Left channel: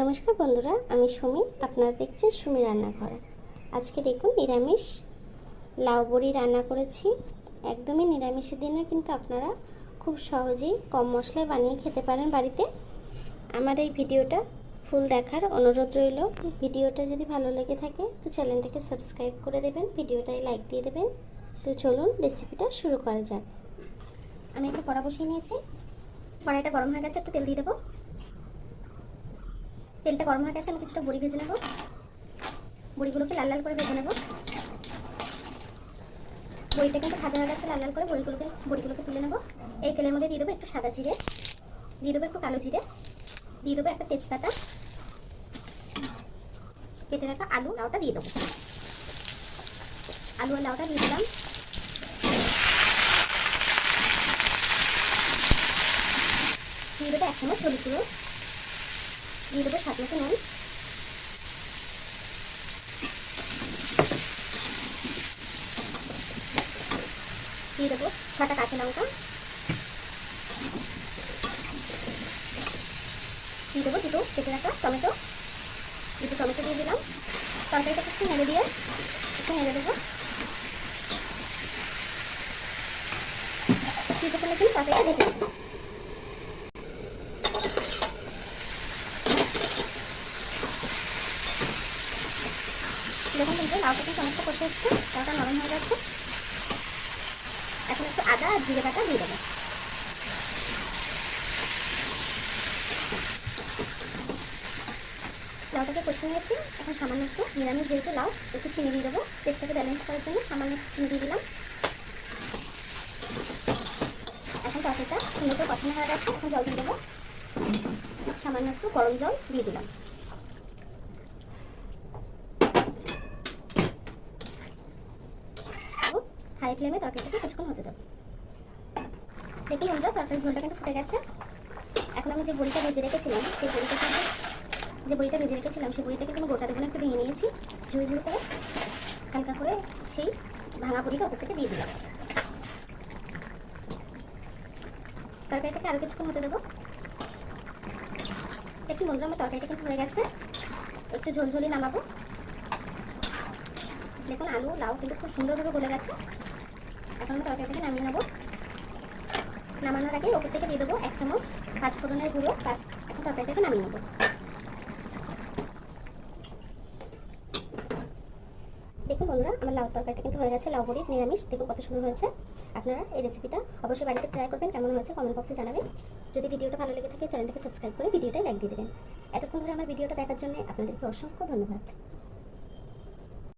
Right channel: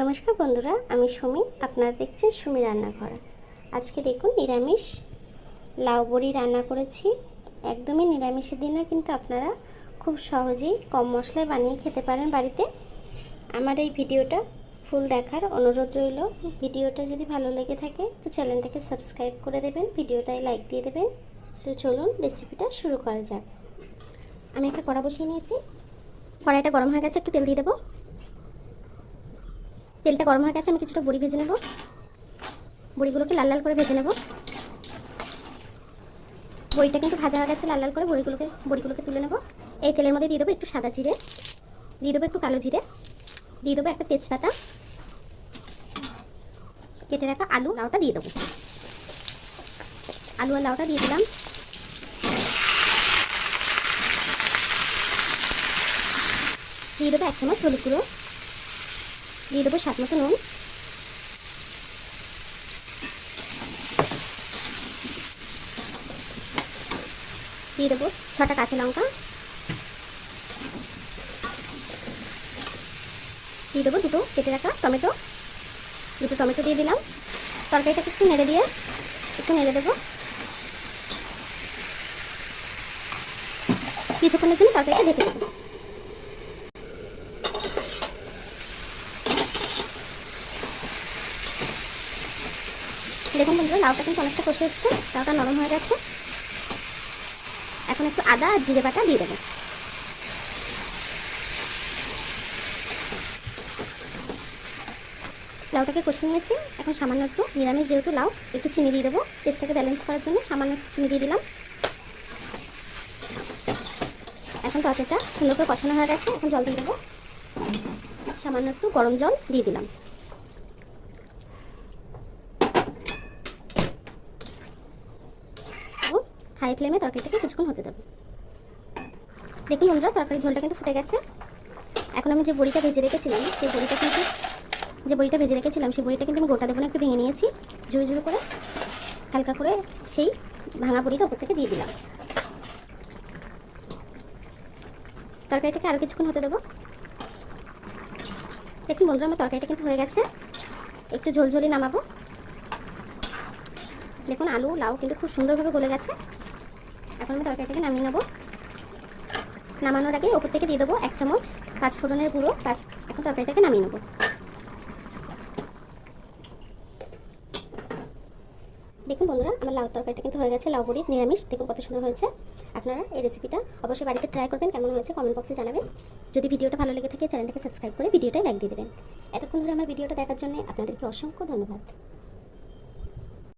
নমস্কার বন্ধুরা, আমি সুমি। আপনারা দেখছেন সুমি রান্নাঘর। আজকে দেখুন নিরামিষ লাউ বড়ি রান্না করেছি। একদমই নিরামিষের দিনে কিন্তু আপনারা খুব সহজেই কম মশলায় বানিয়ে খেতে পারেন বাড়িতে। আমার এই ভিডিওটা ফুল দেখার অনুরোধ রইল। ভিডিওটা যদি ভালো লেগে থাকে তো চ্যানেলটাকে সাবস্ক্রাইব করে দেবেন, ভিডিওটায় লাইক দিয়ে দেবেন। তো চলুন রেসিপিটা শুরু করা যাক। আমি একটা কড়া বসিয়ে নিয়েছি। কড়াইটা গরম হয়ে গেছে, একটু তেল দিয়ে দেবো। তেলটা গরম হয়ে গেছে, আমি কিছুটা বড়ি ভেজে নেব। বড়িগুলোকে লাল লাল করে ভেজে নেব। বড়িটা কিন্তু ভাজা হয়ে গেছে লাল লাল করে। বড়িগুলোকে তুলে নেব। এই তেলের মধ্যে দিয়ে দেবো একটু সাদা জিরে, দিয়ে দেবো একটু কালো জিরে, দিয়ে দেবো একটা তেজপাতা, কেটে রাখা আলু লাউটা দিয়ে দেবো। আলু আর লাউটা দিয়ে দিলাম। দিয়ে দেবো 1 চামচ হলুদ গুঁড়ো, দিয়ে দেবো স্বাদ মতো নুন, দিয়ে দেবো 6টা কাঁচা লঙ্কা, দিয়ে দেবো দুটো কেটে রাখা টমেটো। দুটো টমেটো দিয়ে দিলাম। তরকারিটা একটু নেড়ে দেবো। কিছুক্ষণের জন্য তরকারিটা ঢেকে দেবো। দেখুন বন্ধুরা, লাউটা কিন্তু অনেকটা কষে এসছে, লাউটা নরম হয়ে গেছে। এখন একটু আদা আর জিরে বাটা দিয়ে দেবো। লাউটাকে কষে নিয়েছি। এখন সামান্য একটু নিরামিষ যেহেতু লাউ, একটু চিনি দিয়ে দেবো। টেস্টটাকে ব্যালেন্স করার জন্য সামান্য একটু চিনি দিয়ে দিলাম। এখন তরকারিটা সুন্দর করে কষানো হয়ে গেছে। এখন জল দিয়ে দেবো। সামান্য একটু গরম জল দিয়ে দিলাম। হাই ফ্লেমে তরকারিটাকে কিছুক্ষণ হতে দেবো। দেখুন বন্ধুরা, তরকারির ঝোলটা কিন্তু ফুটে গেছে। এখন আমি যে বড়িটা ভেজে রেখেছিলাম সেই বড়িটা কিন্তু আমি গোটা দেবো না, একটু ভেঙে নিয়েছি ঝুড়ি ঝুড়ি করে। হালকা করে সেই ভাঙা বড়িটা ওপর থেকে দিয়ে দিলাম। তরকারিটাকে আরও কিছুক্ষণ হতে দেবো। দেখুন বন্ধুরা, আমার তরকারিটা কিন্তু হয়ে গেছে। একটু ঝোলঝোলি নামাবো। দেখুন আলু লাউ কিন্তু খুব সুন্দরভাবে গলে গেছে। এখন আমি তরকারিটাকে নামিয়ে নেবো। নামানোর আগে ওপর থেকে দিয়ে দেবো 1 চামচ পাঁচফোড়নের গুঁড়ো। এখন তরকারিটাকে নামিয়ে নেবো। দেখুন বন্ধুরা, আমার লাউ তরকারিটা কিন্তু হয়ে গেছে। লাউ বড়ি নিরামিষ, দেখুন কত সুন্দর হয়েছে। আপনারা এই রেসিপিটা অবশ্যই বাড়িতে ট্রাই করবেন। কেমন হয়েছে কমেন্ট বক্সে জানাবেন। যদি ভিডিওটা ভালো লেগে থাকে চ্যানেলটাকে সাবস্ক্রাইব করে ভিডিওটাই লাইক দিয়ে দেবেন। এতক্ষণ ধরে আমার ভিডিওটা দেখার জন্য আপনাদেরকে অসংখ্য ধন্যবাদ।